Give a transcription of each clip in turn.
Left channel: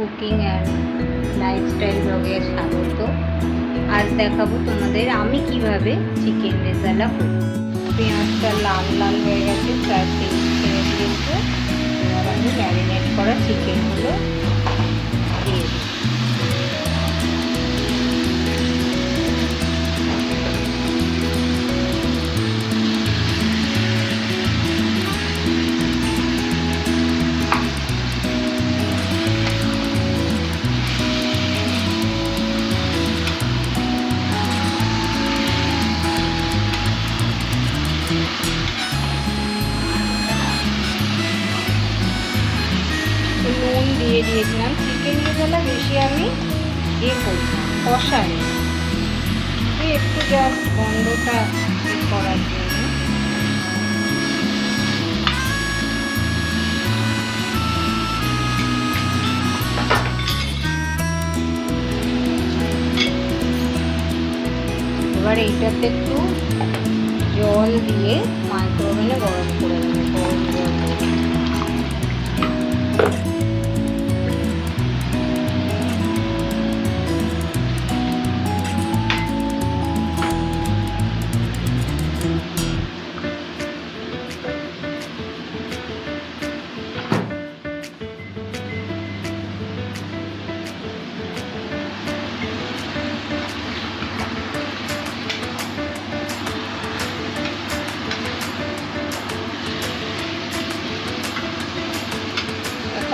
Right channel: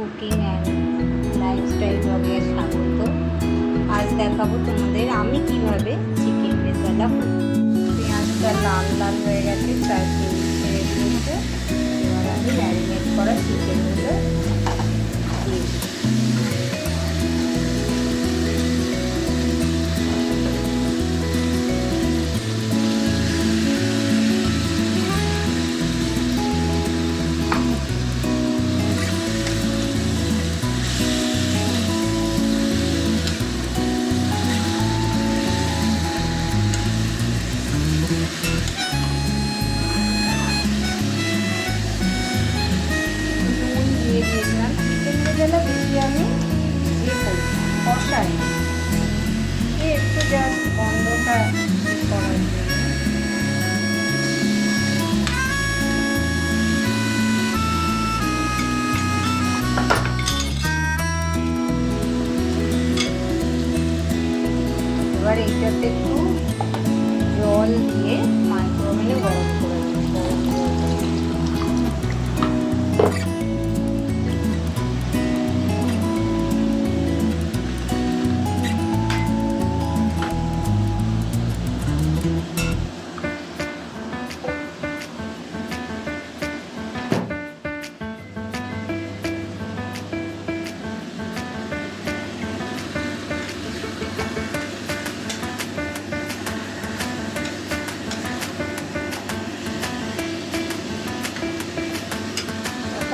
Cooking and lifestyle ব্লগে স্বাগত। আজ দেখাবো তোমাদের আমি কিভাবে চিকেন রেজালা করি। পেঁয়াজটা লাল লাল হয়ে গেছে, তার তেল ছেড়ে দিয়েছে। এবার আমি ম্যারিনেট করা চিকেনগুলো দিয়ে দিই। নুন দিয়ে দিয়েছিলাম। চিকেন রেজালা বেশি আমি করি না, কষাই একটু জাস্ট গন্ধটা করার জন্য। এবার এইটাতে একটু জল দিয়ে মাইক্রোওভেনে গরম করে দেবো। গরম জল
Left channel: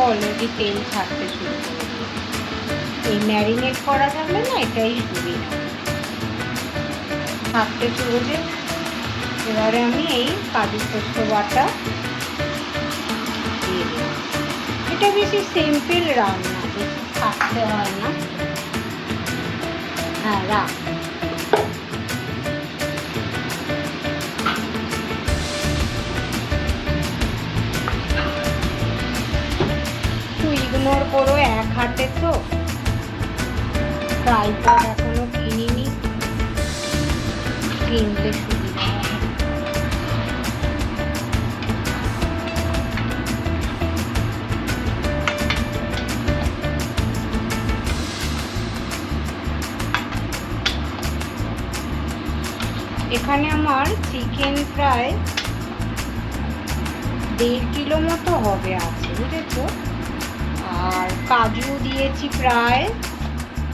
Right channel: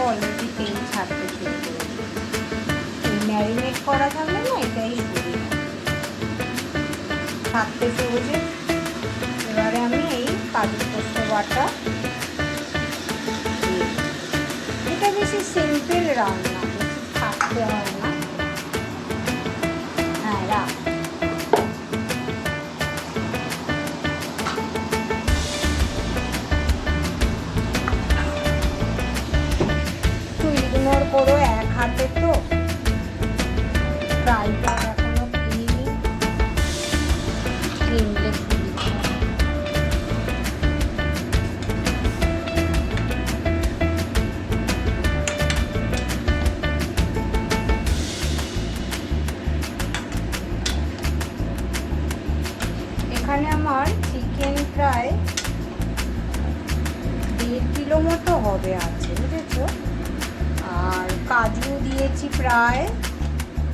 অলরেডি তেল ছাড়তে শুরু করেছে। এই ম্যারিনেট করা থাকলে না এটাই সুবিধা, ছাড়তে শুরু যে। এবারে আমি এই কাজু পোস্ত বাটা দিয়ে দিই। এটা বেশি সিম্পল রান্না, বেশি থাকতে হয় না। হ্যাঁ, রাখ। ইগনোর করো, এক হাতে তো ফ্রাই প্যান এখনো কিনিনি, কিনলে সুবিধা হবে। এখানে আমার চিকেন প্রায় 1.5 কিলো মতো হবে আছে, বুঝেছো। আর কাজু দিয়েছি প্রায়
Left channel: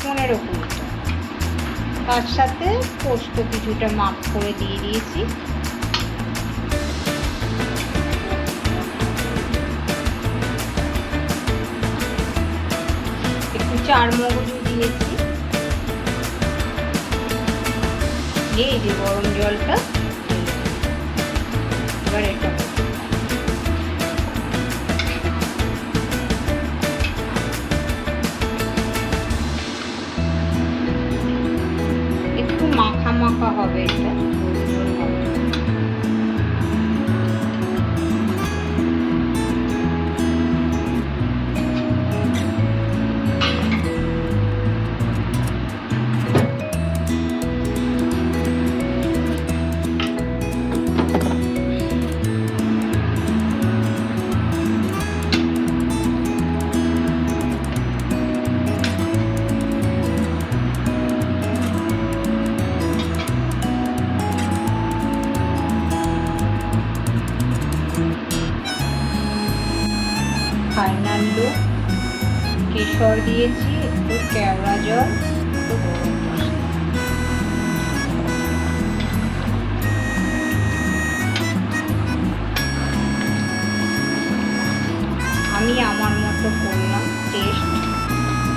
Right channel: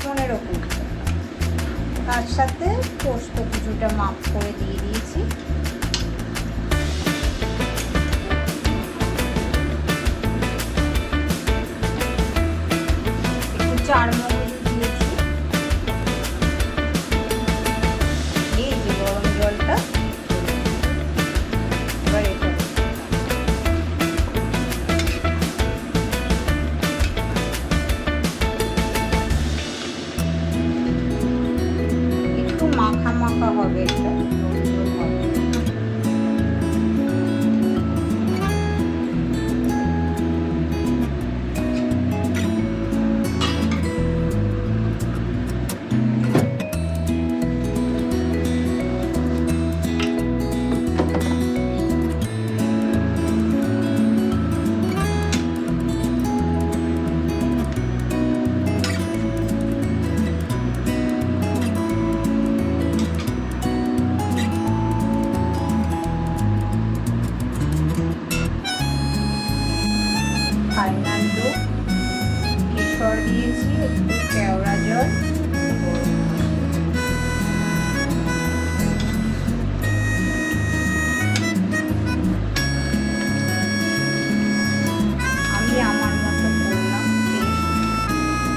15-20টা। তার সাথে পোস্ত কিছুটা মাপ করে দিয়ে দিয়েছি। একটু চারমগজু দিয়েছি। এই যে গরম জলটা, এবার এটা মাখা মাখা হবে, এটা ঝোল হবে। ফাইনাল লুক, কেশর দিয়েছি, একটু কেওড়া জল, একটু গরম মশলা। আমি আমার মতো করলাম টেস্ট,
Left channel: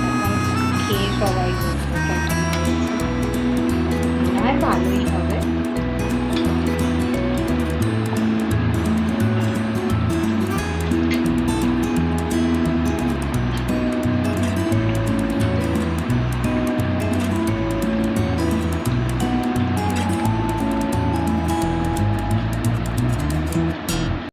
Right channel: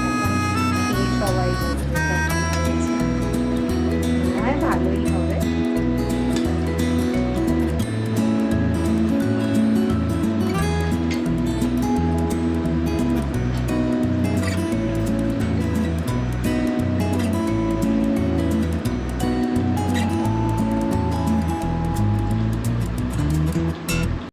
এখন খেয়ে সবাই বলবে কেমন হয়েছে। মনে হয় ভালোই হয়।